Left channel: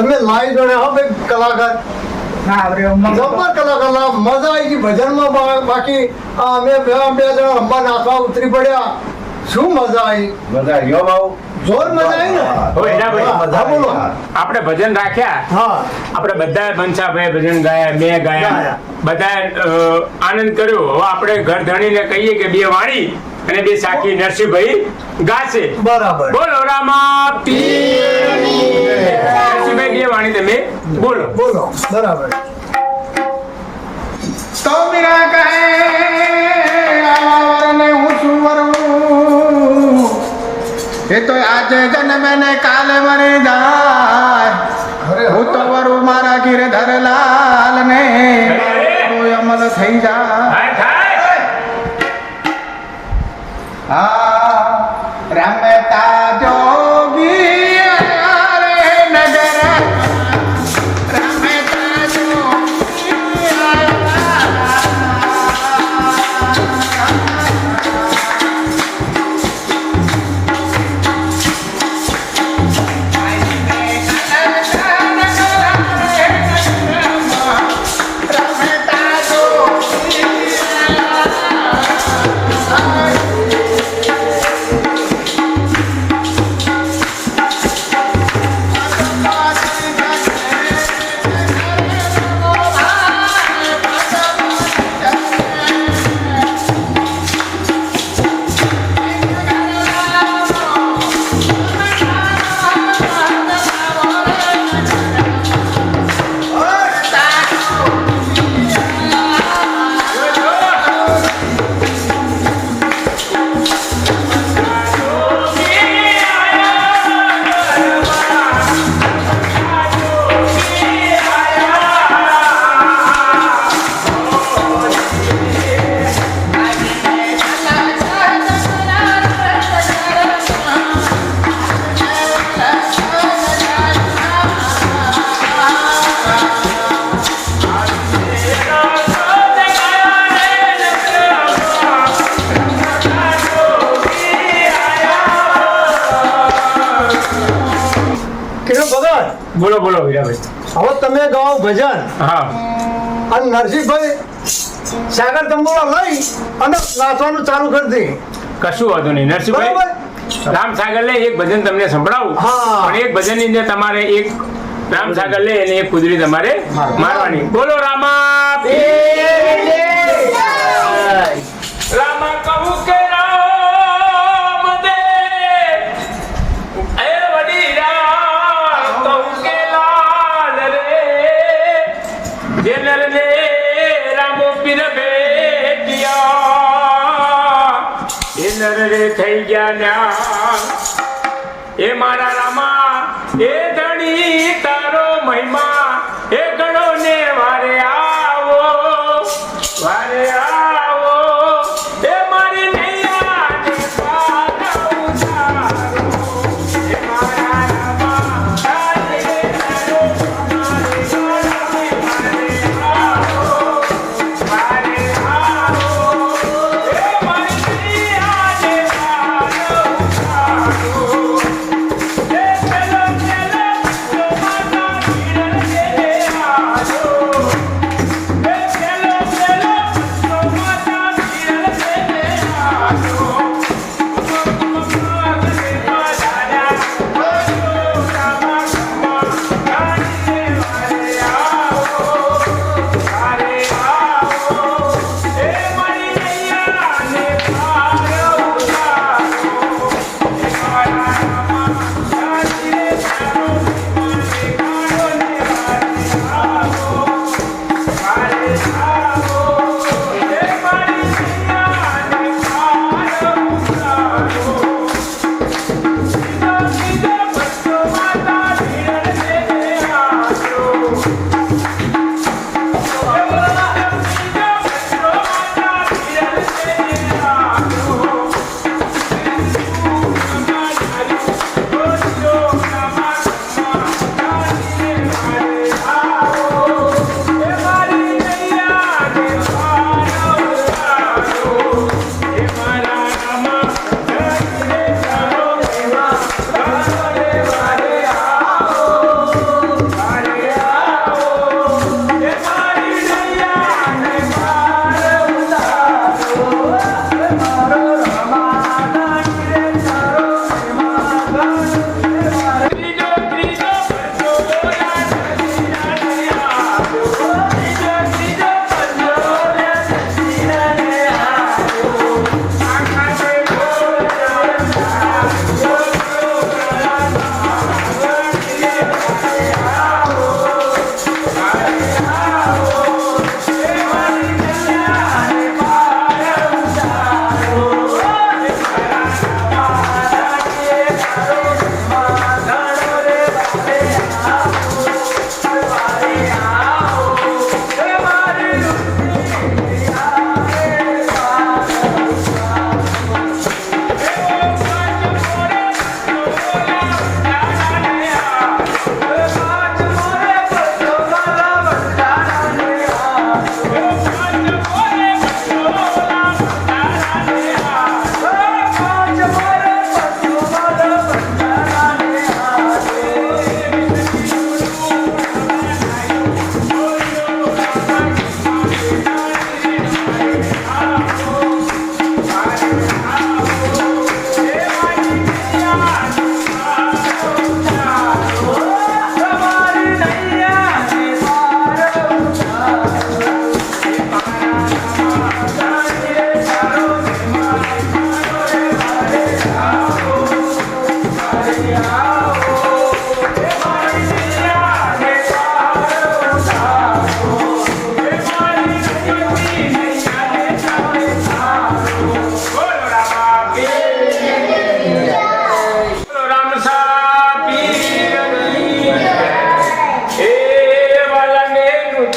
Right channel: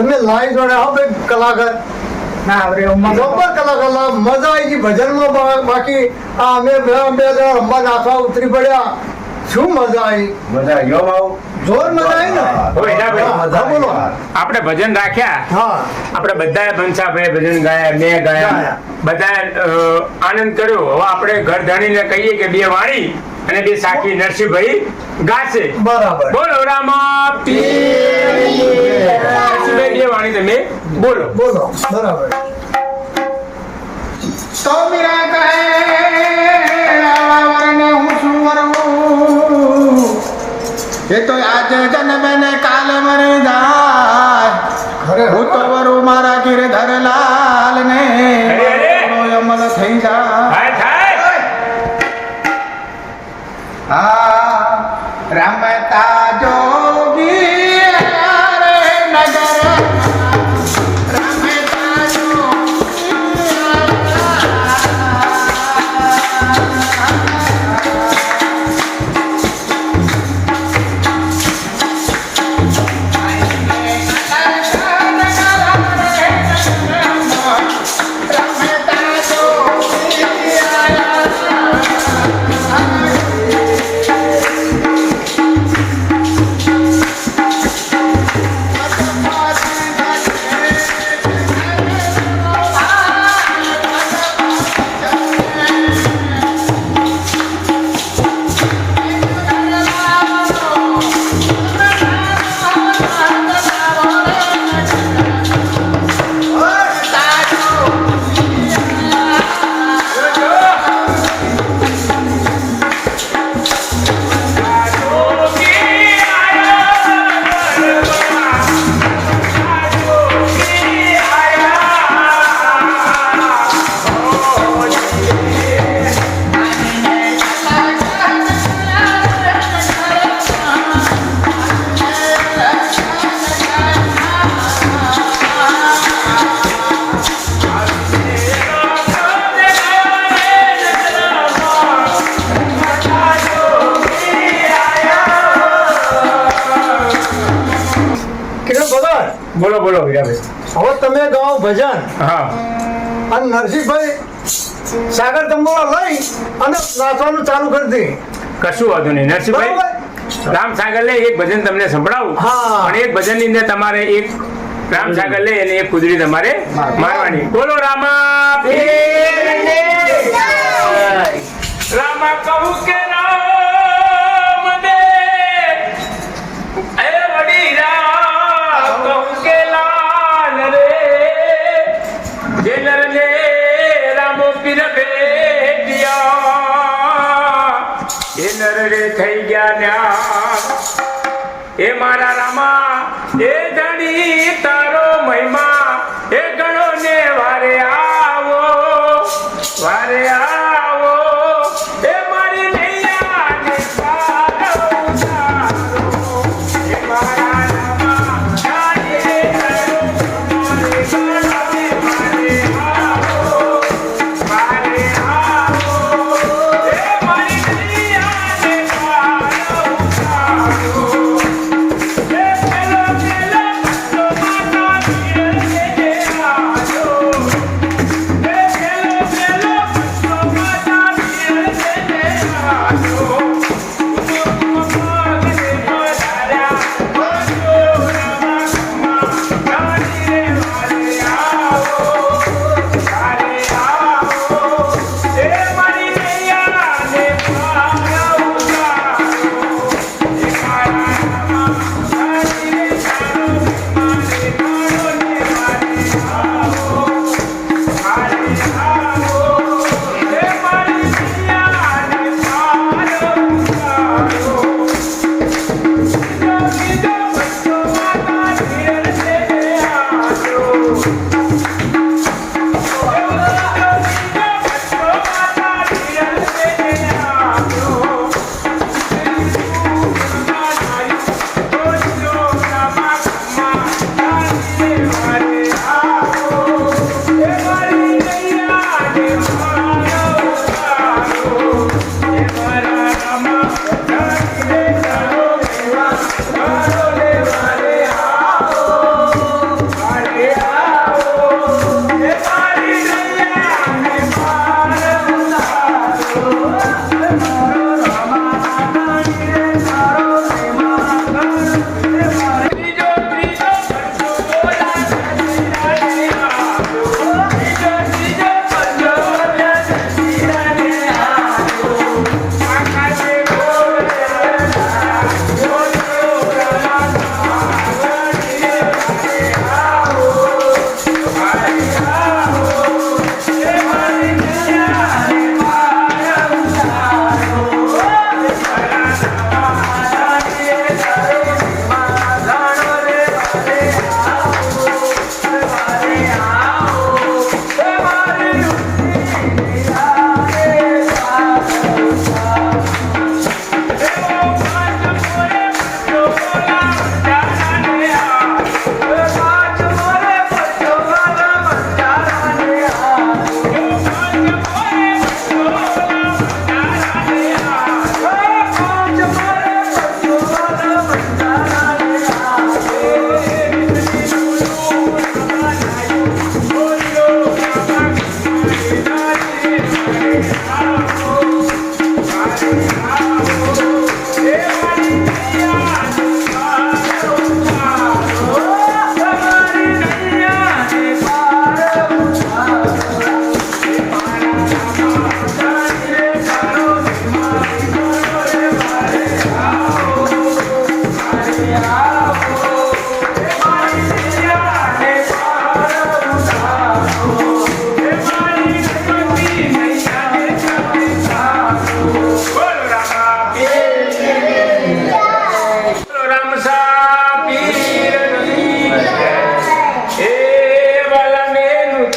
તમે લાઈવ જોડે હો ભાઈ કલાકાર. જબ્બર કલાકાર લા મજા આવી ગઈ ભજનમાં બાકી આ અમે બે બે જણા રમવા નાચવા ઉતરી પડ્યા. શું મજા આવી બધા યો ભાવ? જોર મજા આવી ને? હો, એના ભાઈ. હા બોલો. આપણે ભજન રાખ્યા? હા. આપણે બધાએ બંસાભાઈ ભજન ગાયા મેં ગાયા. ગાયા. બધા આનંદ કર્યો. હવે આપણે ઘર ધણીને કહીએ કે બે વાણી. અને બે સાખી નરસિંહભાઈ ગાશે. બરાબર. બોલો રામા નરસિંહભાઈ બે વાણી તમે બોલો. બોલો બરાબર. તો મીરા કહે આવા વરને હું શું વરું એ તો આજે જન્મે ને કાલે મરે જાય. હું. તો વરું મારા ગિરધર લાલ ને અમલ થઈ જાય. આ બોલો બોલો વીરાભાઈ હવે તમે ગાઓ ભજન. હા. અને નરસિંહભાઈ સાગર તંબોળા લઈ અને નાચવાનું ચાલુ કરી દે. કશું વાંધો નહીં. નરસિંહભાઈ રામ સાગર લે એક ભજન તમને સંભળાવું. હા. પણ એક ભજનની અંદર તમારે એક રામ સાગર લે અને એક કુદરી તમારે મારવાની. બોલો રામા રામા કહું કે એ ધણી તારો મહિમા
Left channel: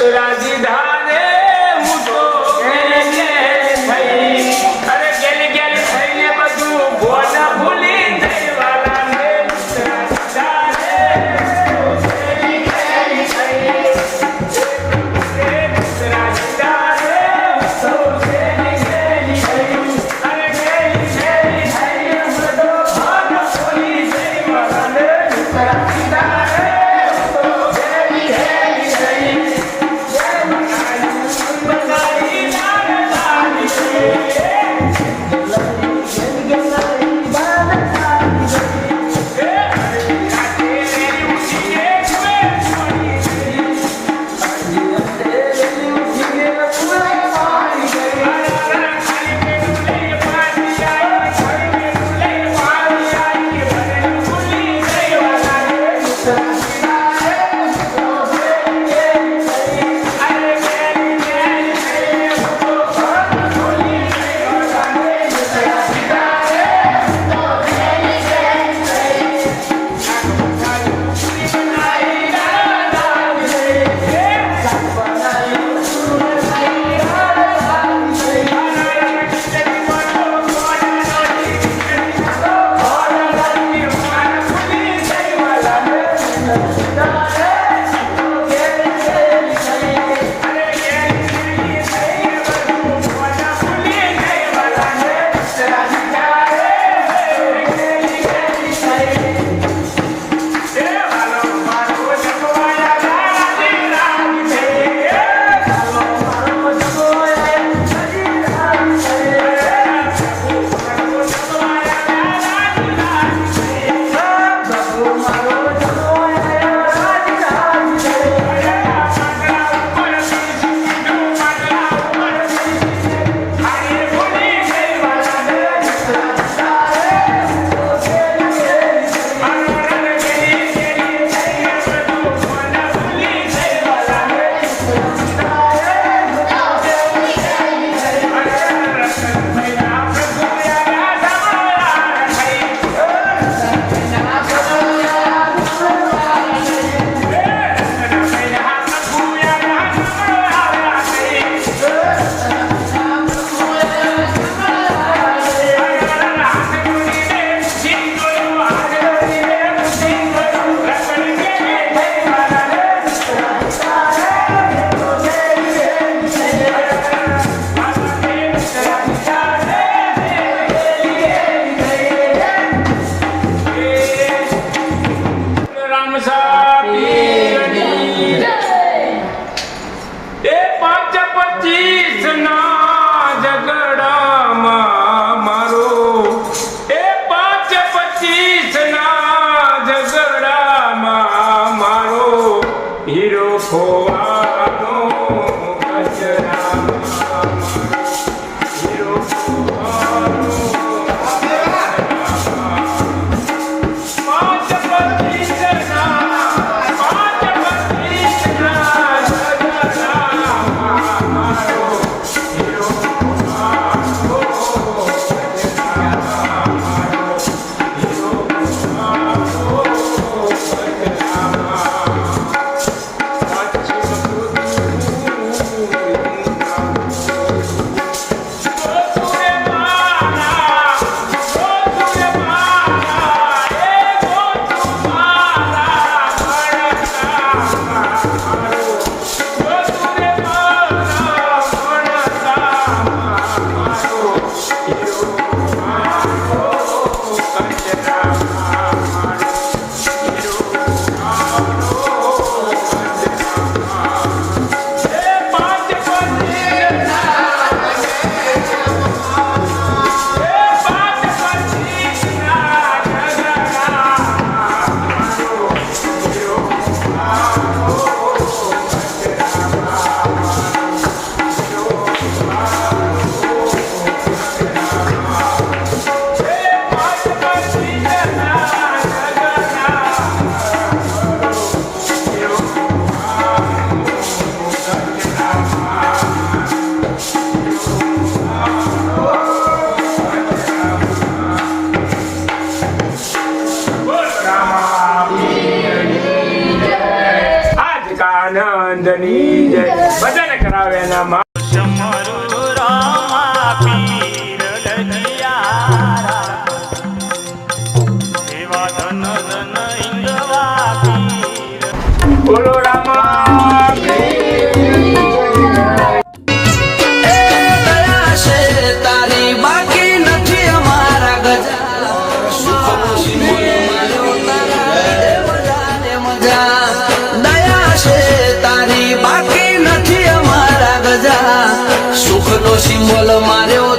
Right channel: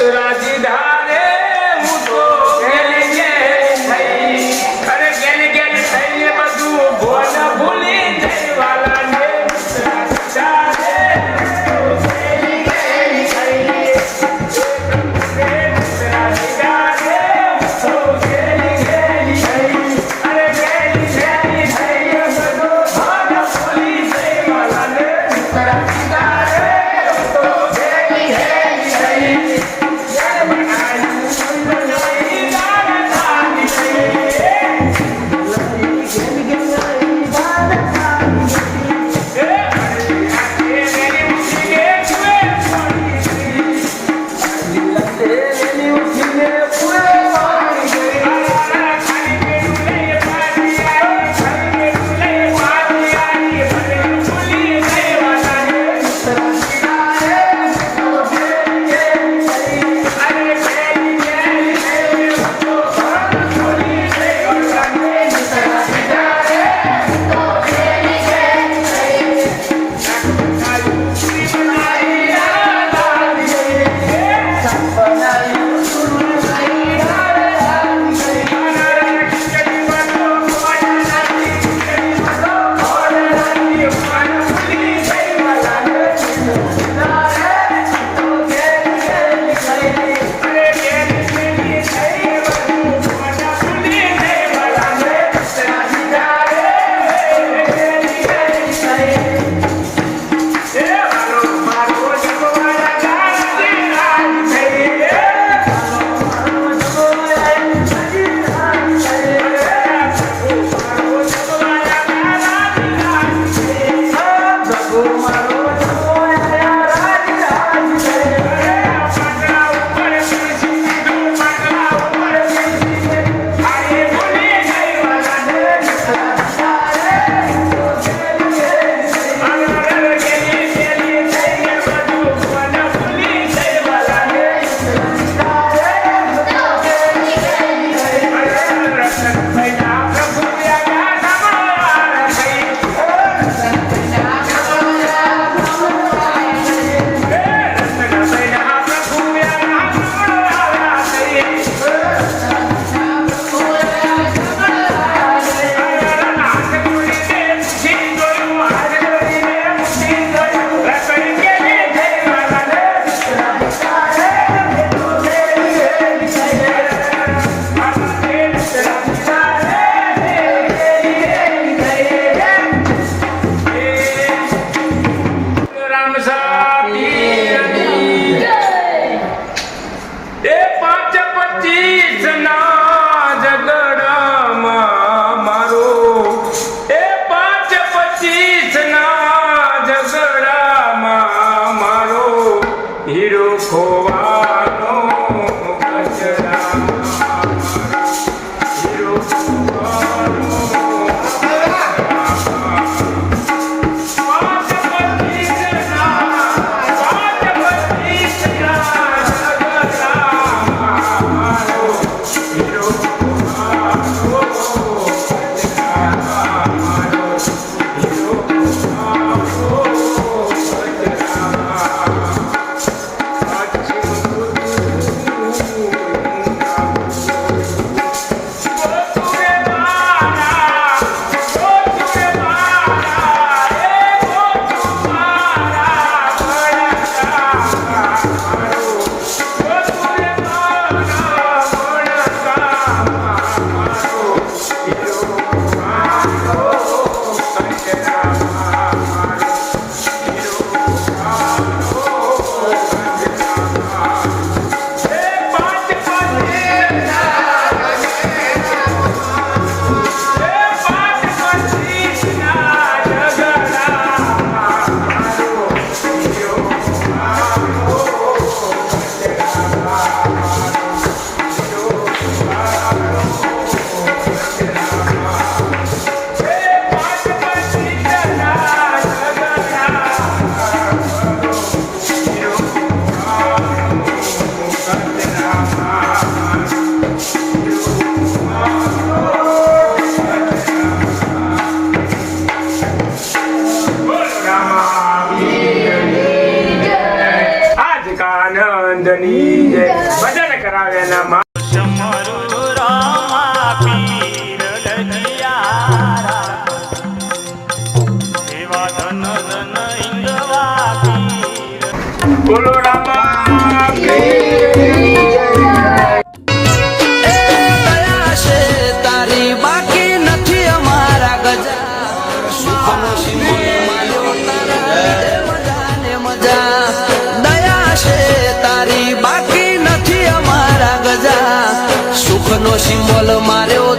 राजधानी બોલો રામા દયા છે તારી બાકી નથી અમારા ગજા. સુખનો સિંદૂર માર્યો